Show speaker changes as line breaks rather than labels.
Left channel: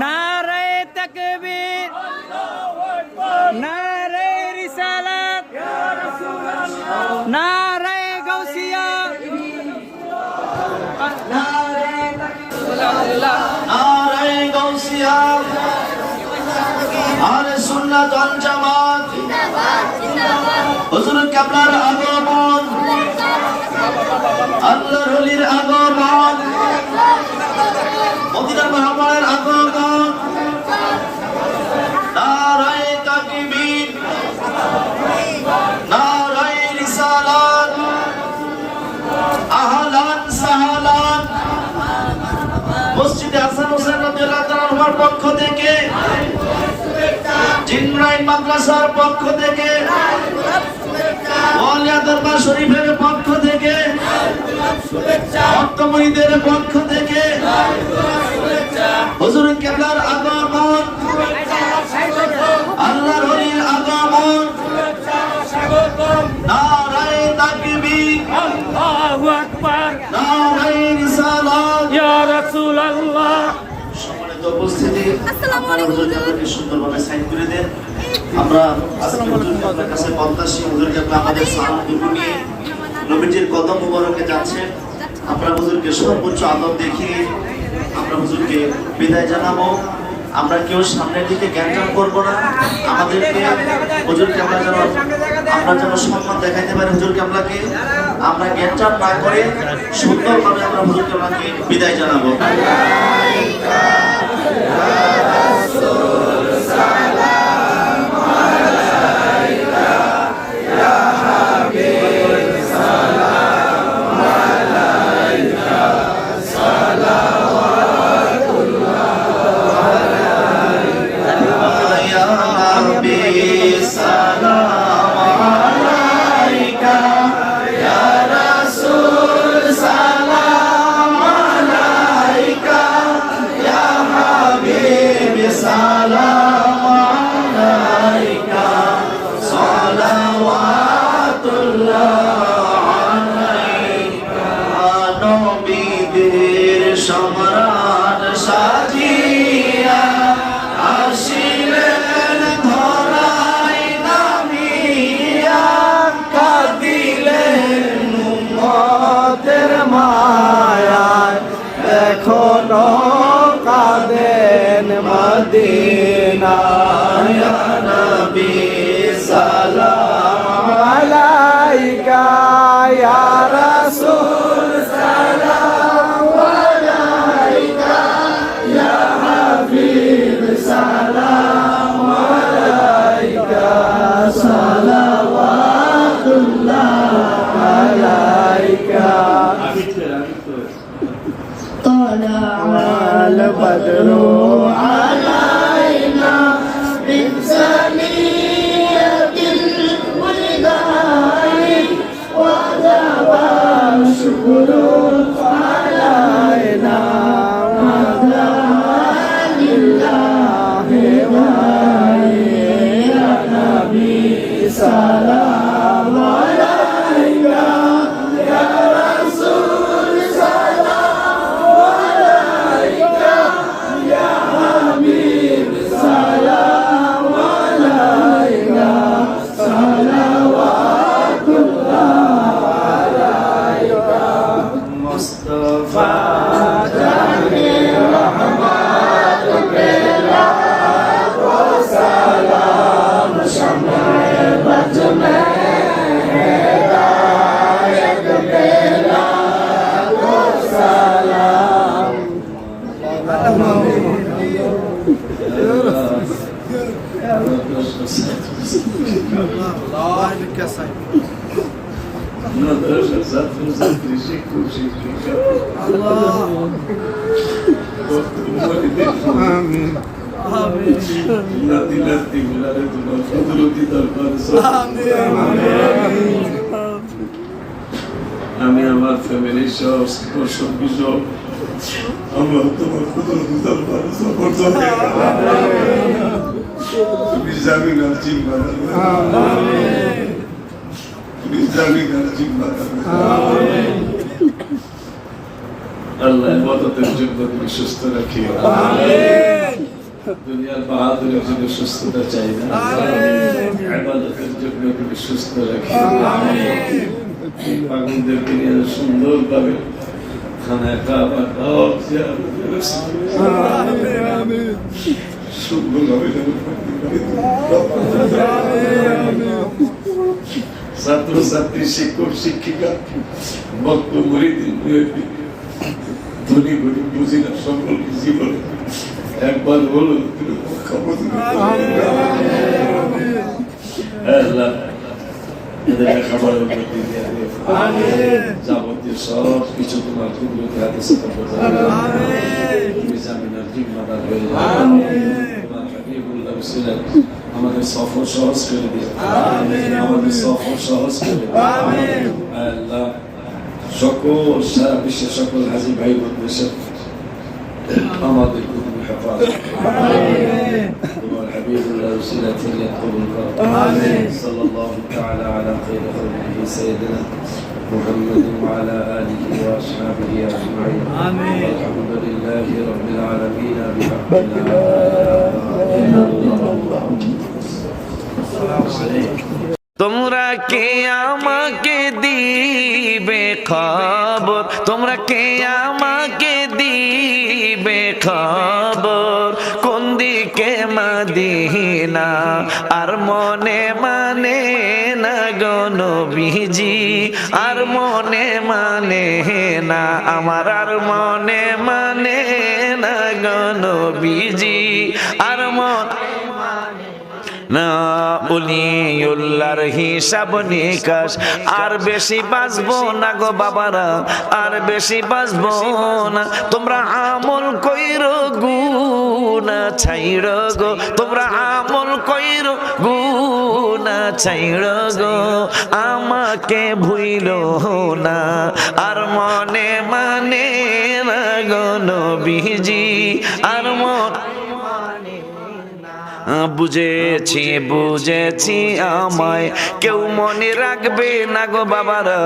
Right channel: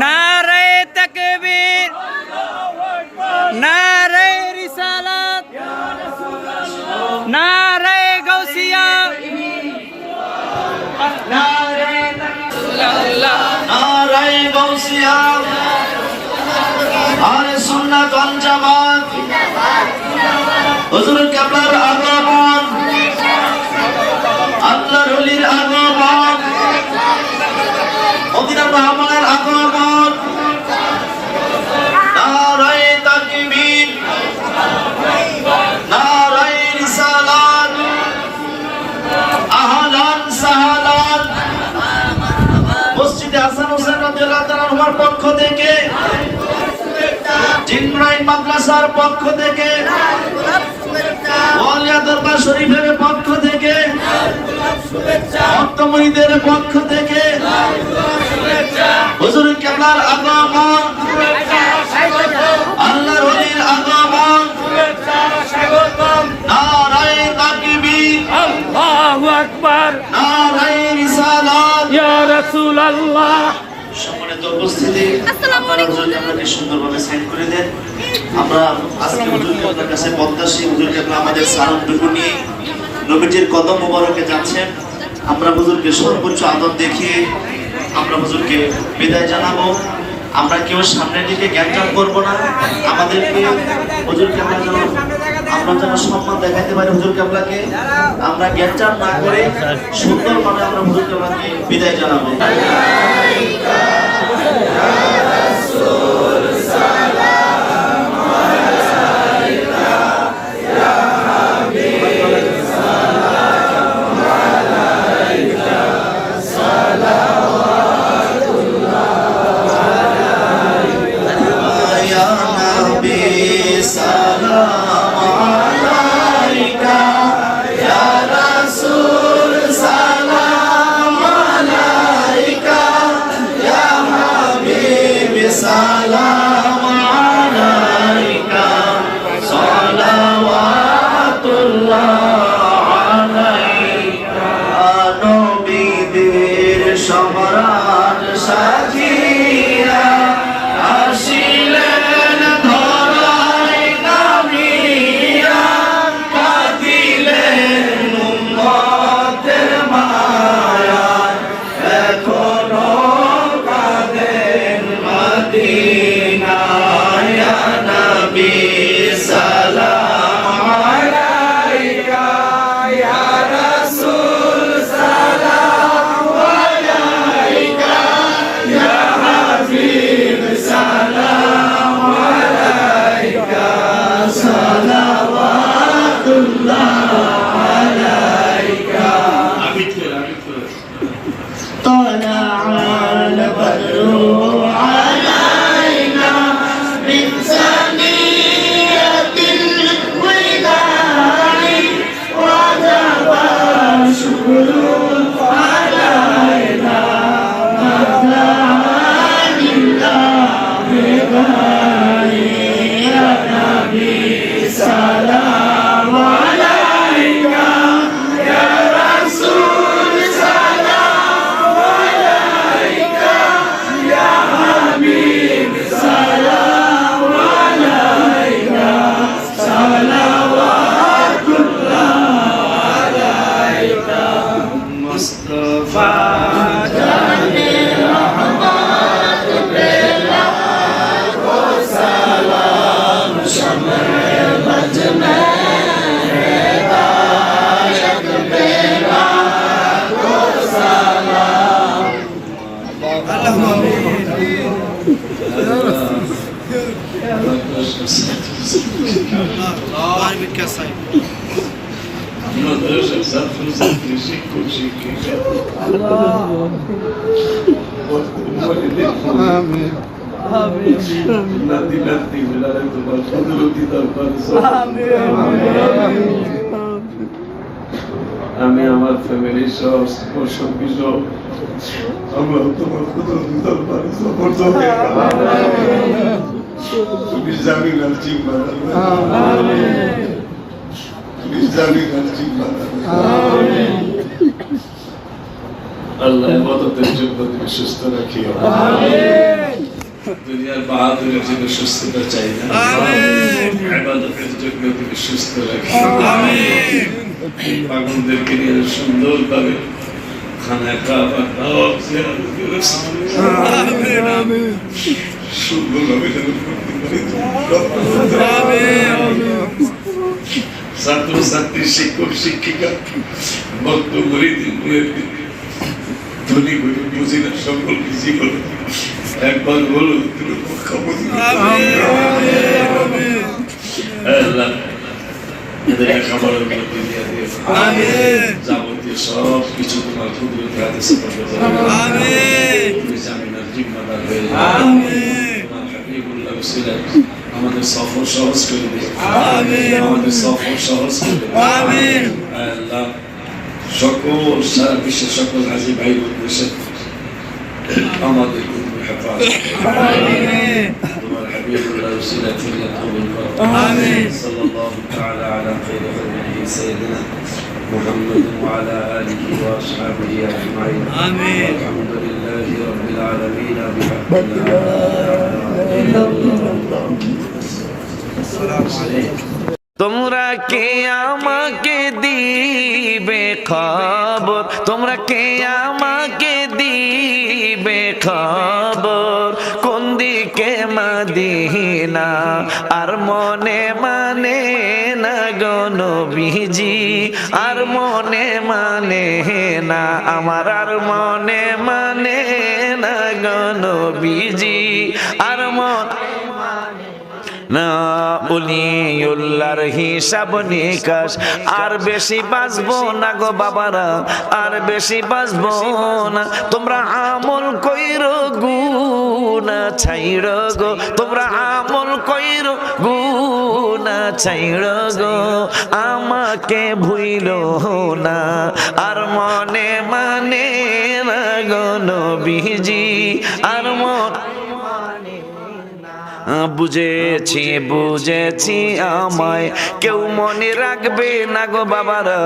নারে তকবীর নারে রিসালাত নারে গৌসিয়া
নারায় গৌসিয়া হুজুর কাবলার আগমন। আল্লাহর ওলির আগমন। মদিনা মহামায়ের আগমন। নারায় তাকবীর। নারায় রিসালাত। আহলান সাহলান। মসজিদে হাসান হোসেন রাদিয়াল্লাহু তাআলার পক্ষ থেকে জিনগুরাইন মাদ্রাসার পক্ষ থেকে ওয়ালিয়া দরবার শরীফের পক্ষ থেকে ভক্তমণিদের পক্ষ থেকে হুজুর কেবলার আগমন আল্লাহর ওলির আগমন নারায়ে তাকবীর
আল্লাহু আকবার।
নারায়ে রিসালাত।
ইয়া রাসূলুল্লাহ।
সম্মানিত উপস্থিতি আপনারা হুজুরকে সুন্দরভাবে সাইন করে দেন। আমরা আপনার কাছে প্রত্যাশী হুজুরকে আপনার আমাদের সালামটুকু নিয়ে নবীজির কদম মোবারকে যাচ্ছেন। আমরা হুজুরকে সর্বোচ্চ আদর দেখিয়ে আমরা হুজুরকে বিদায় জানাব। আমরা কেউ সামনের দিকে জ্ঞান করব না। আমাদেরকে হুজুরকে আমরা যেন আমরা যেন সম্মান দেখাইতে পারি হুজুরকে আপনাকে আমরা জ্ঞান না করে সুন্দরভাবে আমরা হুজুরকে আপনাকে বিদায় জানাব। সালাওয়াতুল্লাহ আলাইকা
salam. Smo zatri šiku, šiki. Nati, nati, milare তোমার কুদরতি দরবার আমি আমার ফ্যামিলির সব সঙ্গী সব আমরা তোমার কুদরতি দরবার সফর তুমি জামিন আর জিম্মা জন্য সুস্থ রাখিও দুনিয়ার বাহাদুরের জন্য সুস্থতা চাই না। সুস্থ রাখিও পাগলদেরকে নিয়ে সুন্দরভাবে খানা খাওয়া খাওয়া সুন্দরভাবে যেন করতে পারি। ছাত্র ছাত্রী শিক্ষক শিক্ষিকা ভক্ত মরিদ ধনী গরিব বুঝি না সকলকে জীবন একবার বলো তুমি খবর আল্লাহ এদের খাবারের মধ্যে দিয়ে দিও যাবতীয় সব কিছু তোমার কুদরতি হাতে সেবা তুমি জামিনের জিম্মাদার হয়ে তোমার হাবিবুল্লাহ উসিলায় আমাদের সফর সহজ করে দিও আমাদের সফর সহজ করে দিও আল্লাহ সকল সারা বিশ্বের সকল হাজি ভাই বন্ধুদের আমাদের তুমি হেফাজত তোমার হাবিবুল্লাহ উসিলায় ফরিয়াদ কবুল করো صلى الله تعالى على خير خلقه سيدنا محمد وعلى اله واصحابه اجمعين امين الحمد لله رب العالمين بحق
তোমরা কে আমাকে দিবে খবর? তোমরা কে আমাকে দিবে খবর? কোন দিকে মাদিনা? আর মনে মানে না গনবিজি আর মনে মানে না, আমার আর মনে মানে না গনবিজি আর মন না উলিউল্লার হিসাব নিকাশ। আর বেশি বাঁচবো না গো বাবারা, আর বেশি বাঁচবো না। তোমরা আমল কইর গুনা ছাইর গো। তোমরা আমল কইর গুনা ছাইর গো। আমাকে ভুইল না, আর মনে মানে গো নবীজি। আর মন বুঝেছি বুঝেছি আমায়। কেউ মনে রাখবে না গো বাবারা।